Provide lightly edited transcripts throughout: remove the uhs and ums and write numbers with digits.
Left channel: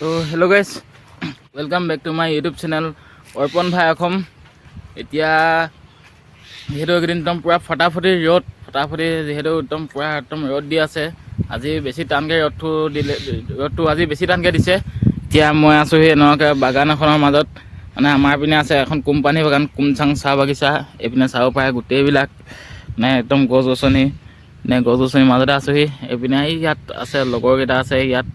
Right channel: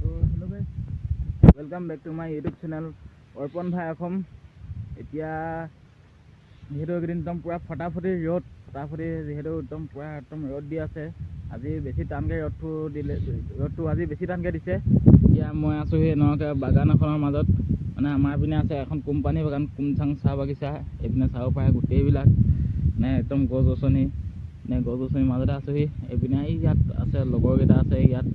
তো hello' guys, welcome back to my YouTube channel Arpan Bhai Assam. এতিয়া যিহেতু এইকেইদিন একদম পূৰা ফটাফটি যিহেতু একদম ৰ'দ দি আছে। আজি বেছি টানকৈ ৰ'দটো আজি বেছি টানকৈ দিছে। এতিয়া মই আছোঁ সেই এনেকুৱাকৈ বাগান এখনৰ মাজত, মানে আমাৰ পিনে আছে এখন কোম্পানী বাগান, কুমচাং চাহ বাগিচা। এইপিনে চাব পাৰে গোটেইবিলাক একদম গছ গছনিৰ মাজতে আছোঁহি। এইপিনে ইয়াত আছে লগৰকেইটা আছে ইয়াত,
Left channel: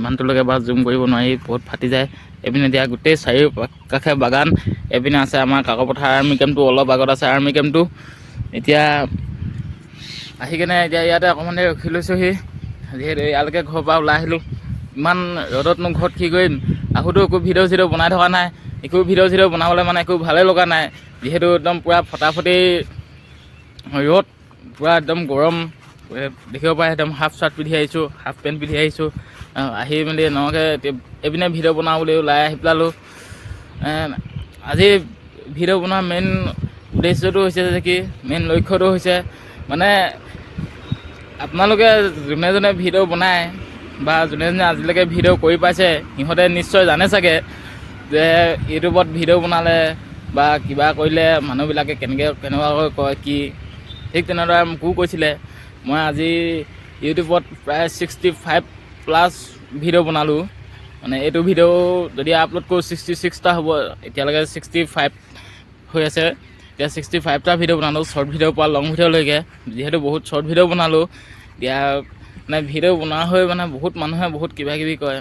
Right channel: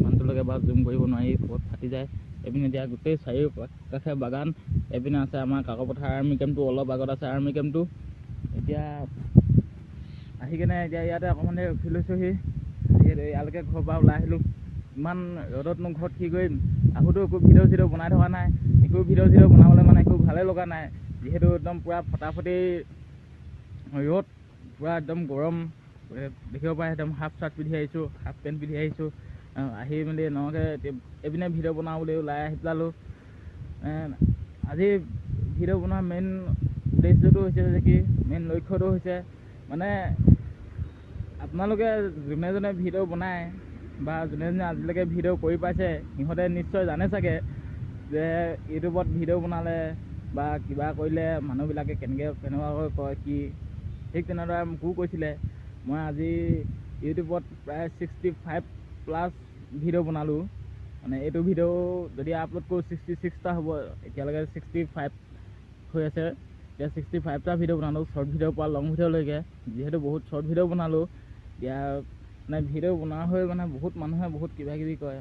ইমানটোলৈকে বাৰু জুম কৰিব নোৱাৰি, বহুত ফাটি যায়। এইপিনে এতিয়া গোটেই চাৰিওকাষে বাগান। এইপিনে আছে আমাৰ কাকপথাৰ আৰ্মি কেম্পটো, অলপ আগত আছে আৰ্মি কেম্পটো। এতিয়া আহি কেনে এতিয়া ইয়াতে অকণমান দেৰি ৰখি লৈছোঁহি, যিহেতু ইয়ালৈকে ঘৰৰ পৰা ওলাই আহিলোঁ। ইমান ৰ'দতনো ঘৰত কি কৰিম, আহোঁতো একো ভিডিঅ' বনাই থকা নাই, একো ভিডিঅ' বনাবলৈ মানে একো ভালেই লগা নাই। যিহেতু একদম পূৰা ফটাফটি ৰ'দ, পূৰা একদম গৰম দেখিব পাৰে। একদম হাফ চাৰ্ট পিন্ধি আহিছোঁ, হাফ পেণ্ট পিন্ধি আহিছোঁ। আহি মেলি এনেকুৱাকৈ এইপিনে ভিডিঅ' বনাওঁ বুলি ওলাই আহি পেলালোঁ। আজি ভিডিঅ' বনোৱাৰ মেইন উদ্দেশ্যটো হৈছে যে কি, মেইন লক্ষ্যটো হৈছে মানে আপোনালোকে যোনে ভিডিঅ' বনায় বা যোনে আজিলৈকে ভিডিঅ' কৰি পাইছে, সিহঁতে নিশ্চয় জানে চাগে যে ইউটিউবত ভিডিঅ' বনালে বা কিবা কৰিলে মানুহবিলাকে কেনেকুৱাকৈ কয় কি। ঠিক তেনেদৰে মোকো কৈছিলে। মই আজি ইউটিউবত প্ৰায় 65+ ভিডিঅ' বনালোঁ। মানে এইটো ভিডিঅ' যদি আপলোড কৰোঁ 66টা হ'ব, এতিয়ালৈকে 65 হৈ আছে। এতিয়া 65টা ভিডিঅ' বনালোঁ, শ্বৰ্ট ভিডিঅ'ৰ পৰা লং ভিডিঅ'লৈকে। যিহেতু বহুত শ্বৰ্ট ভিডিঅ' বনালোঁ, এতিয়া মানে ভিডিঅ' বনোৱা হৈ মানে বহুত মানুহে বহুত কিবাকিবি কয়।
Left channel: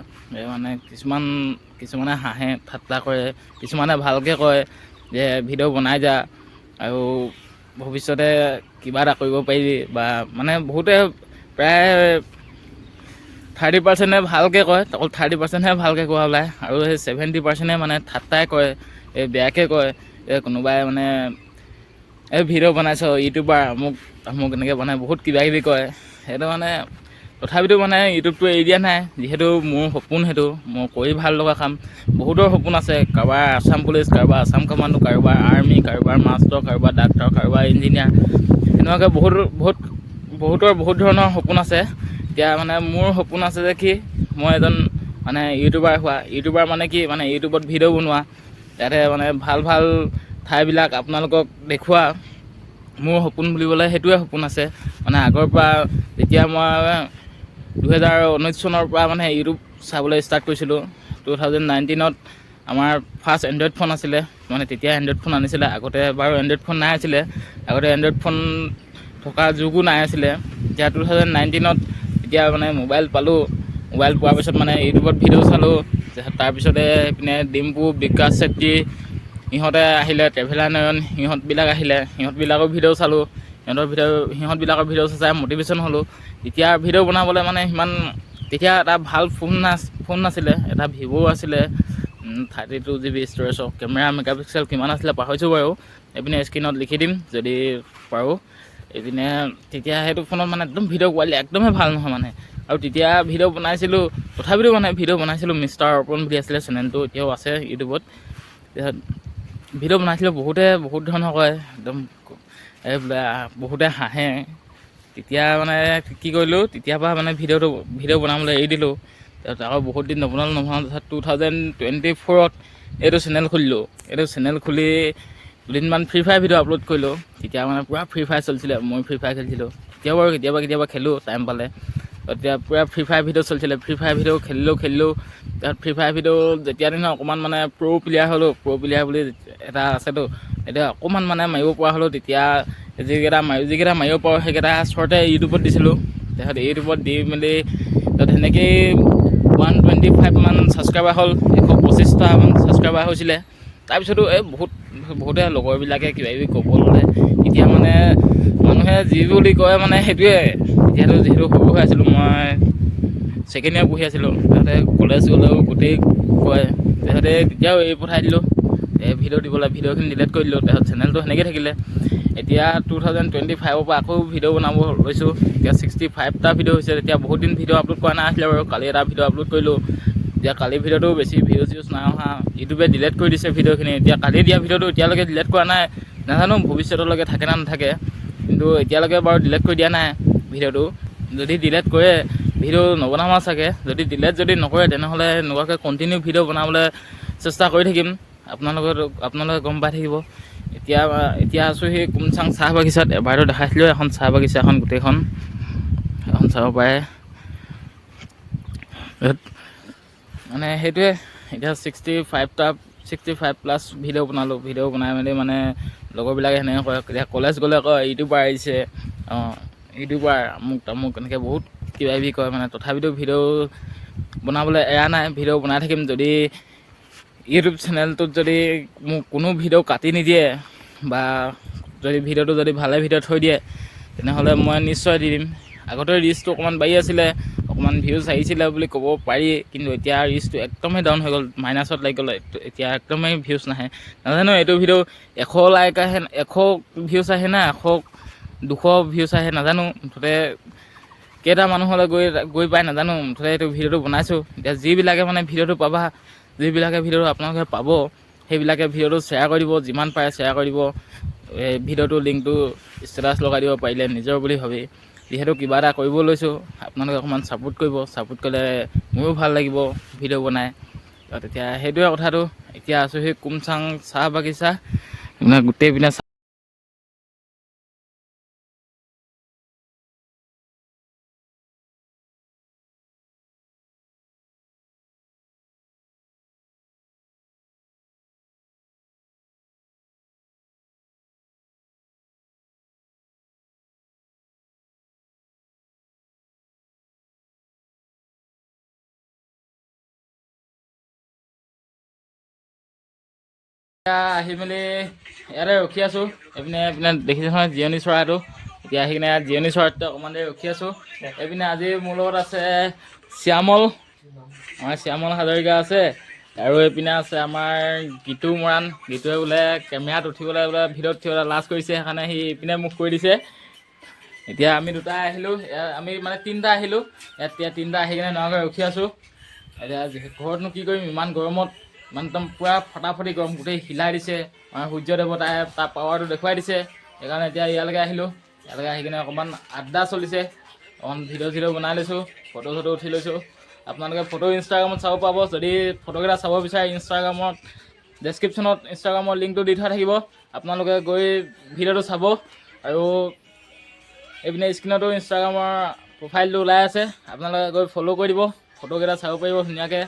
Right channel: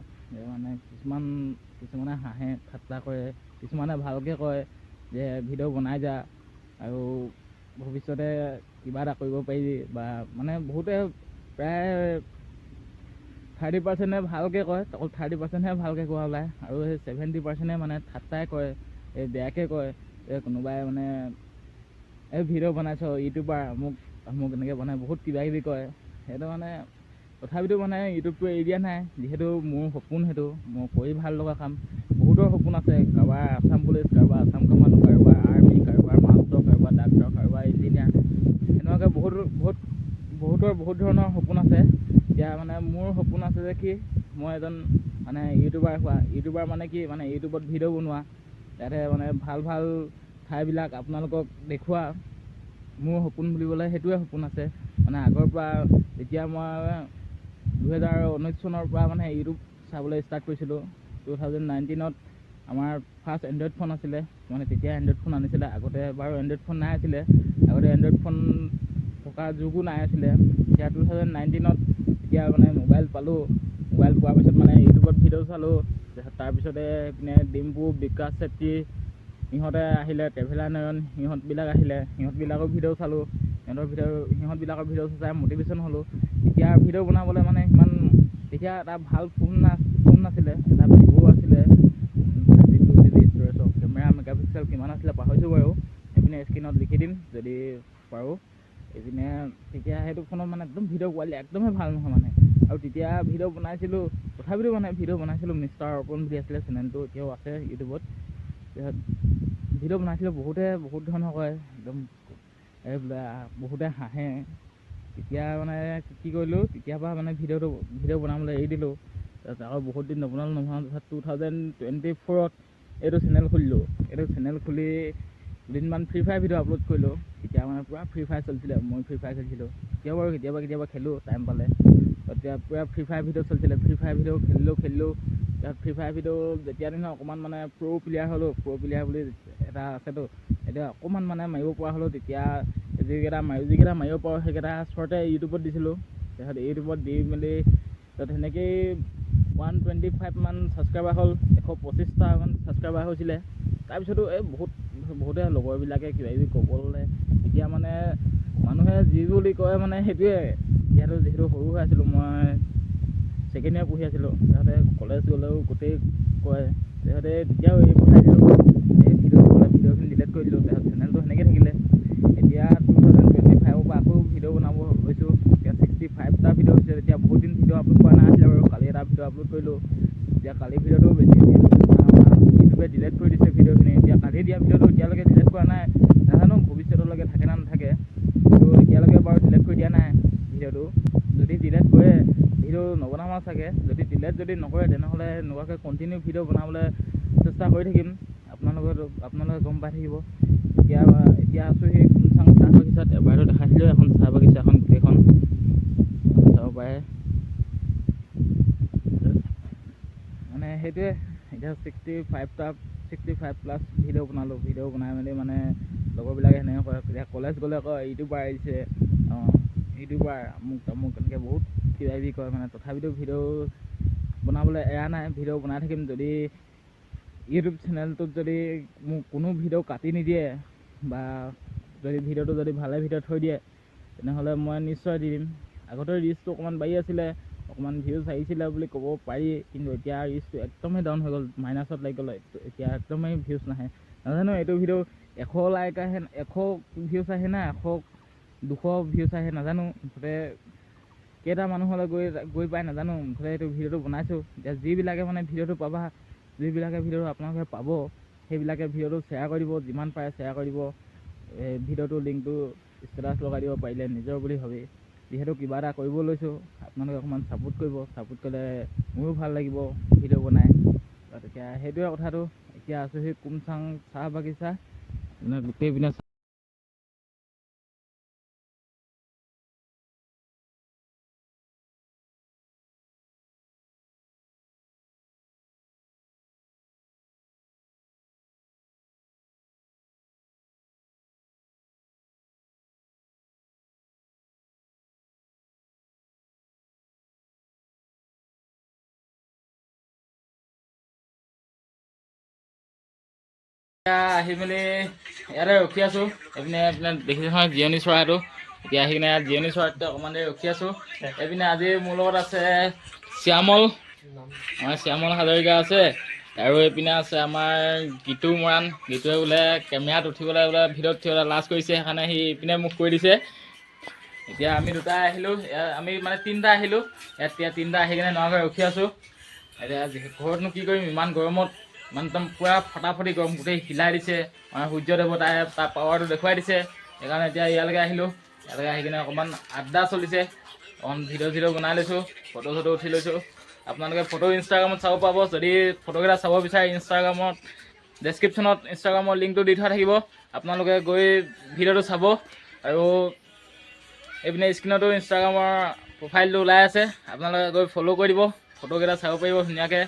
মানে কিছুমানে হাঁহে ঠাট্টা কৰে, কিছুমানে ভালকৈ কয় যে ভিডিঅ' বনাই যা আৰু ভৱিষ্যতে কিবা এটা কৰিব পাৰিবি, বা মানে বহুতে প্ৰায় 30%হে ভালকৈ কয়, অকল 30%হে ভালকৈ কোৱা ওলায়, আৰু সেই 70%হে মানে ঠাট্টাই কয়, বেয়াকৈ কয়। কোনোবাই মানে ভিডিঅ' বনাইছ ইউটিউবাৰ মোক এনেকৈ বনাই বহুত কিবাকিবি কয়। সেইটো মানে তথাপিতো মানে ইউটিউবটো এৰি দিয়া নাই, যিহেতু মোৰ সপোন, সেইটো মোৰ কৰি ভাল লগা কাম। বহুতৰ সপোন আছে, কাৰোবাৰ আছাম পুলিচ, কাৰোবাৰ আছাম কামাণ্ডো, কাৰোবাৰ আৰ্মি, কাৰোবাৰ মাষ্টৰ, কাৰোবাৰ ডাক্তৰ, কাৰোবাৰ ইঞ্জিনিয়াৰ। এনেকুৱাকৈ বহুতৰ বহুত ধৰণৰ সপোন আছে। এতিয়া মানে মোৰ সপোন আছে যে কি, মই এজন মানে ইউটিউবাৰ মানে কি, মানে ইউটিউবত ভিডিঅ' বনোৱা, ইয়াতে মানে ভাল ঠাইবিলাক আপোনালোকক দেখুওৱা। মোৰ সপোন বুলিবলৈ সেইটোৱে সপোন আছে। মানে আগৰ পৰা যেতিয়া মই 2019 চনৰ পৰা মানে ইউটিউব চাবলৈ ষ্টাৰ্ট কৰিছিলোঁ, 2019ত আমাৰ ফাৰ্ষ্ট এণ্ড্ৰইড ফোন আছিলে। মানে তেতিয়া এণ্ড্ৰইড ফোন আনিছিলে। আগতে বাৰু এণ্ড্ৰইড ফোন নাই আছিলে, আগতে এণ্ড্ৰইড ফোন থকা যুগো নাই আছিলে। এতিয়া 2019ত এতিয়া মানে মোবাইল পালোঁ। মোবাইল পোৱাৰ পিছত মানে ইউটিউবত ভিডিঅ' চালোঁ। তাৰপিছতে এইপিনে ডিম্পু, বিকাশ চেত্ৰী সিহঁতে আহিলে, ট্ৰেভেলাৰ নয়ন সিহঁতবিলাক আহিলে, সিহঁতবিলাকৰ ভিডিঅ' চালোঁ। সিহঁতবিলাকৰ ভিডিঅ' চাই মটিভেশ্যন হ'লোঁ। এতিয়া ভিডিঅ' বনাবলৈ মানে তেতিয়া এটা ভাল ফোন নাছিলে, এটা ভিভ' আছিলে 32 GB ষ্ট'ৰেজৰ। কেমেৰা মেগাপিক্সেল কিমান আছিলে পাহৰিছোঁ বাৰু, এইপিনে স্ক্ৰীণত লিখি দিম যদি পাৰোঁ। এইপিনে তেতিয়া সেইটো ফোনত মানে একদম ভিডিঅ' কোৱালিটি একদমেই ভাল নহয় মানে। আৰু তেতিয়া ভিডিঅ' বনাইছিলোঁ, তথাপিতো মানে ভিডিঅ' বনাইছিলোঁ। মিষ্টাৰ অৰ্পণ বুলি আছিলে চেনেলটো, এতিয়াও আছে ইউটিউবত। ভিডিঅ' বনাইছিলোঁ, বহুত ধৰণৰ কয়, একদম বহুতে হাঁহে। তেতিয়া মানে কি কৰিলোঁ, তেতিয়াৰ পৰা মানে ভিডিঅ' বনাবলৈ এৰি দিলোঁ। তাৰপিছত আকৌ বহুত দিন নবনালোঁ। তাৰপিছত 2024ত এইটো চেনেল খুলিলোঁ। এইটো চেনেল খুলি দুদিনমান ফ্ৰী ফায়াৰ ভিডিঅ' আপলোড কৰিলোঁ। তেতিয়া মানে পূৰা ফ্ৰী ফায়াৰ চলিছিলে, মই ফ্ৰী ফায়াৰ খেলিছিলোঁ। এতিয়াও বাৰু কেতিয়াবা খেলোঁ টাইম পালে। তেতিয়া পূৰা ফ্ৰী ফায়াৰ ভিডিঅ' চলিছিলে, ফ্ৰী ফায়াৰ ভিডিঅ' খেলিলোঁ। তাৰপিছত ফ্ৰী ফায়াৰ ভিডিঅ' যেতিয়া দিনৰ অকণমান মানে প্ৰ' প্লেয়াৰ হ'লোঁ, প্ৰ' প্লেয়াৰ বুলি এটা আছেতো, এতিয়া অকণমান মানে মাৰিব পৰা হ'লোঁ। তেতিয়া যিকেইটা মাৰিব পাৰোঁ সেইকেইটা শ্বৰ্টে ইউটিউবত দিছিলোঁ। তাৰপিছত ইউটিউবত দি মেলি তাত সেনেকৈয়ে 125 মান ছাবস্ক্ৰাইবাৰ হ'ল, 125টামান ছাবস্ক্ৰাইবাৰ হৈছিলে। তাৰপিছতো বহুতে লগৰবিলাকে কিবাকিবি ক'ব ল'লে। এতিয়া মানে মানুহে যি বুলি কয় মানে সেইটোৱে। যিহেতু সৰু হৈ আছিলোঁ, মই ছেকেণ্ড ইয়েৰ পঢ়ি আছিলোঁ, তাতে কলেজ গ'লেও গোটেই কয়। তাৰপিছতে তেতিয়াও এৰি পঠাই দিলোঁ, ভিডিঅ'খিনি ডিলিট কৰি দিলোঁ। তাৰপিছত চেনেলটো সেনেকৈ থাকিলে। এতিয়া 2025ৰ পৰা আকৌ ভিডিঅ' বনাব লৈছোঁ। এতিয়া 65টা ভিডিঅ' হৈছে। এতিয়া বহুত দিন ভিডিঅ' আপলোড কৰা নাছিলে বাৰু, কালি এটা ভিডিঅ' আপলোড কৰিলোঁ। এতিয়া কালি ভিডিঅ'টো বেছি ভিউজ নাই অহা, ইউটিউবে ডিলিট কৰি দিছে ভিডিঅ'খিনি। এতিয়া কালি দিয়া ভিডিঅ'টো এতিয়ালৈকে ডিলিট কৰা নাই, নাজানো ভৱিষ্যতলৈকে থাকে না নাথাকে। কিন্তু এতিয়ালৈকে বাৰু ডিলিট কৰি দিয়া নাই ভিডিঅ'টো। যদি ডিলিট কৰে ভিডিঅ' নবনাম চাগে, যদি ডিলেট যদি নকৰে তেনেহ'লে এনেকুৱাকৈ কণ্টিনিউ ভিডিঅ' বনাবলৈ চেষ্টা কৰি থাকিম। আপোনালোকে গম পাই থাকিব। এতিয়া আছোঁ সেই কুমচাং চাহ বাগিচাত। এবাৰতো দেখাইছিলোঁ এখন চাহ বাগিচা, এখন গোটেইখন এখন চাব পাৰে। মানে সেইটোৱে, এতিয়া 65+ ভিডিঅ' বনালোঁ। ভিডিঅ' বনাই মেলি মানে লগৰবিলাকে সেনেকৈ কয়, এতিয়া কলেজ গ'লে কয় ইউটিউবাৰ আহিছে, ইউটিউবাৰ আমুক তামুক এনেকৈ বহুত কিবা কিবি কয় মানে। তথাপিতো ভিডিঅ' বনাবলৈ এৰা নাই, ভিডিঅ' বনাই থাকিম। যদি ইউটিউব চেনেলটোত যদি মোক কোনো ভিডিঅ' কাটি নিদিয়ে বা যদি ভিডিঅ'টো যদি ভালে ভিডিঅ' থৈ দিয়ে তেনেহ'লে মই নিশ্চয় দি দিম। আগতে ৰিচটো অকণমান বাঢ়ি আছিলে, অকণমান ভিউজ আহিছিলে বুলি ক'ব পাৰি, কিন্তু এতিয়া ৰিচটো একদমেই ডাউন হৈ গ'ল, মাইনাছত লাগি গ'ল। এতিয়া একদমেই ভিউজ নাহে। নাজানো এইটো ভিডিঅ' 100 লাইক আহে, 100 ভিউজ আহে না 200 ভিউজ আহে নাজানো। মুঠতে কেইটা মানুহলৈ গৈ পাই নাজানো। মুঠতে এইটো ভিডিঅ'টো বনাইছোঁ। এতিয়া যিবিলাকে মানে ভিডিঅ'টো পাবা, যিবিলাকে ভিডিঅ'টো আপোনালোকে পাব, সেইবিলাকে ভিডিঅ'টো শ্বেয়াৰ কৰি দিব, যিমান পাৰে শ্বেয়াৰ কৰি দিব। এই ভিডিঅ'টো লিংকটো ষ্টেটাছ লগাই দিব পাৰিলে নিজৰ বুলি ভাবি। যিহেতু কিবা এটা কৰিব লৈছোঁ, আপোনালোকে অকণমান ছাপোৰ্ট কৰিব। ছাপোৰ্ট কৰিলে মোৰো ভাল লাগিব ভিডিঅ' বনাই। তেতিয়া সেইটোৱে কথাটো। এতিয়া আছোঁ সেই কুমচাং চাহ বাগিচা, গোটেই পিনে আহি মেলি ইয়াতে ৰখি আছোঁ। এইপিনে দেখিছোঁ নহয় জিৰণি চৰাইটো। এতিয়া আহি কিনে ইয়াত জিৰণি চৰাইটো অকণমান দেৰি ৰখি আছোঁ। এইপিনে আজি মোৰ লগত আছে শ্যামল, আমাৰ শ্যামল হাজৰিকা আছে, আৰু এইপিনে আছে আমাৰ গীতু মৰাণ। গীতুৱে বোলে কেমেৰাত উঠিবলৈ বোলে ভিডিঅ'ত উঠিবলৈ লাজ কৰিছে, সেইকাৰণে সি ইপিনে মোক কৈ দিছে। এতিয়া আমি দুটাই আহিলোঁ, আমি মানে 3টা আহিলোঁ। এতিয়া 3টা আহি কিনে নগাঁও ৰখি আছোঁ। এতিয়া ঘৰতনো কি কৰিম, ইমান গৰমত, মানে একদম পূৰা ফটাফটি গৰম, গোটেই হিলাই দিছে। আমাৰ সূৰ্য দেৱতাই তাৰ পাৱাৰটো দেখুৱাই দিছে। সেইকাৰণে এতিয়া ইয়ালৈকে আহিলোঁ। ইয়ালৈকে আহি কিনে অকণমান আড্ডা চলিছে, অকণমান ভিডিঅ' বনাই লৈছোঁ, ফটো উঠি লৈছোঁ। আপোনালোকে ফটো ইনষ্টাগ্ৰামত চাব পাব। যদি ফটোকেইটা চাব বিচাৰে ইনষ্টাগ্ৰামত ডেছক্ৰিপশ্যনত ইনষ্টাগ্ৰামৰ লিংকটো দি থোৱা থাকিব। আপোনালোকে গৈ ভিডিঅ'টো চাব। আৰু এইপিনে স্ক্ৰীণতো ইনষ্টাগ্ৰামৰ প্ৰফাইলটো ওলাই আছে, আপোনালোকে গৈ ফ'ল' কৰি দিব, ফটোকেইটা চাব পাৰিব ধুনীয়াকৈ।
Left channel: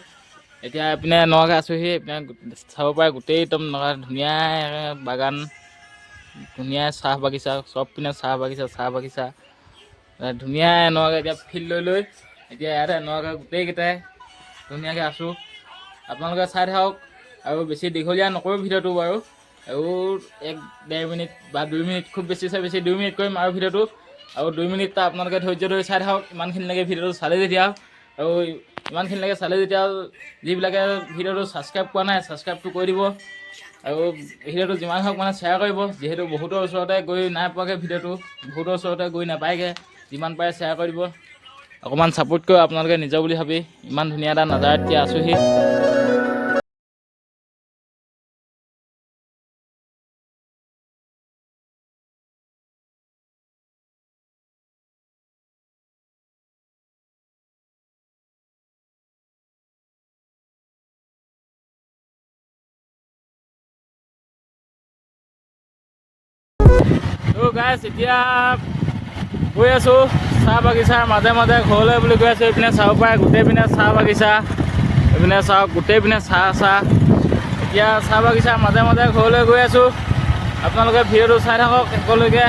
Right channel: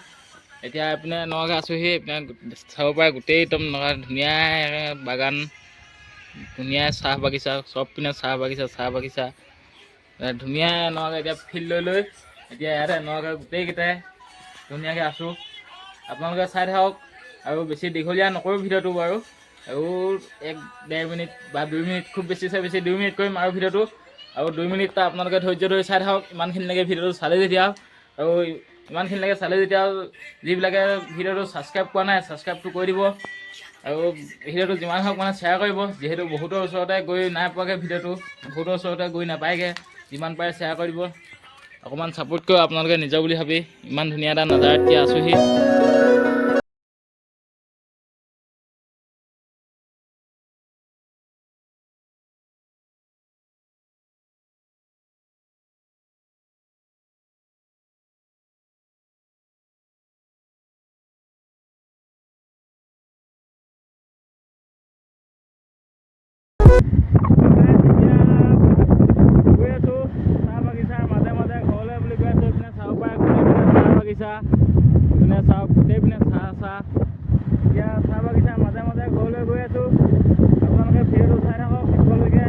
এতিয়া এইপিনে নগাঁও আছোঁহি, এইপিনে চাব পাৰে গোটেই একদম নগাঁও ধুনীয়া বাগান, ধুনীয়া চাহ বাগিচা, চব পিনে চাহ বাগিচা ধুনীয়া নগাঁও। এতিয়া ফিল্ড লৈ এতিয়া ইয়াতে নগাঁও গোটেইকেইটাই ধুনীয়াকৈ আছোঁ। আপোনালোকে চাই থাকক, আৰু বেছি দীঘলীয়া নকৰোঁ ভিডিঅ'টো বাৰু। আৰু 1-1.5 মিনিট বা 2 মিনিট, খুব বেছি 2 মিনিট কৰিম আৰু ভিডিঅ'টো। আৰু 2 মিনিটটা আপোনালোকে ধৈৰ্য ধৰি চাই থাকক। ইমানখিনিলৈকে ভিডিঅ'টো চালে যেতিয়া, আৰু ইমানখিনিলৈকে চালে যেতিয়া, যিবিলাকে ভিডিঅ'টো ছাবস্ক্ৰাইব কৰা নাই ছাবস্ক্ৰাইবটো কৰি দিব। আৰু ভিডিঅ'টো যিমান হওক মানে শ্বেয়াৰ কৰিব, যিহেতু বহুতৰ ওচৰতে গৈ নাই পোৱাকৈ ভিডিঅ'টো, বহুতৰ ওচৰতে গৈ নাপায়গৈ। যিমান পাৰে শ্বেয়াৰ কৰি দিব, অকণমান ছাপোৰ্ট কৰিব আপোনালোকে নিজৰ বুলি ভাবি। ইমান ধুনীয়া এটা নাজাৰাত এতিয়া আছোঁহি। গাইছ এতিয়া গৈ আছোঁ চাহ বাগিচাৰ মাজে মাজে ঘৰলৈ বুলি গৈ আছোঁ। এইপিনে চাব পাৰে গোটেই পিনে চাহ বাগিচা, এইপিনে চাওক গোটেই পিনে চাহ। এতিয়া চাহ বাগিচাৰ মাজে মাজে ঘৰলৈ গৈ আছোঁ। আপোনালোকে ভিডিঅ'টো চাই থাকক শেষলৈকে।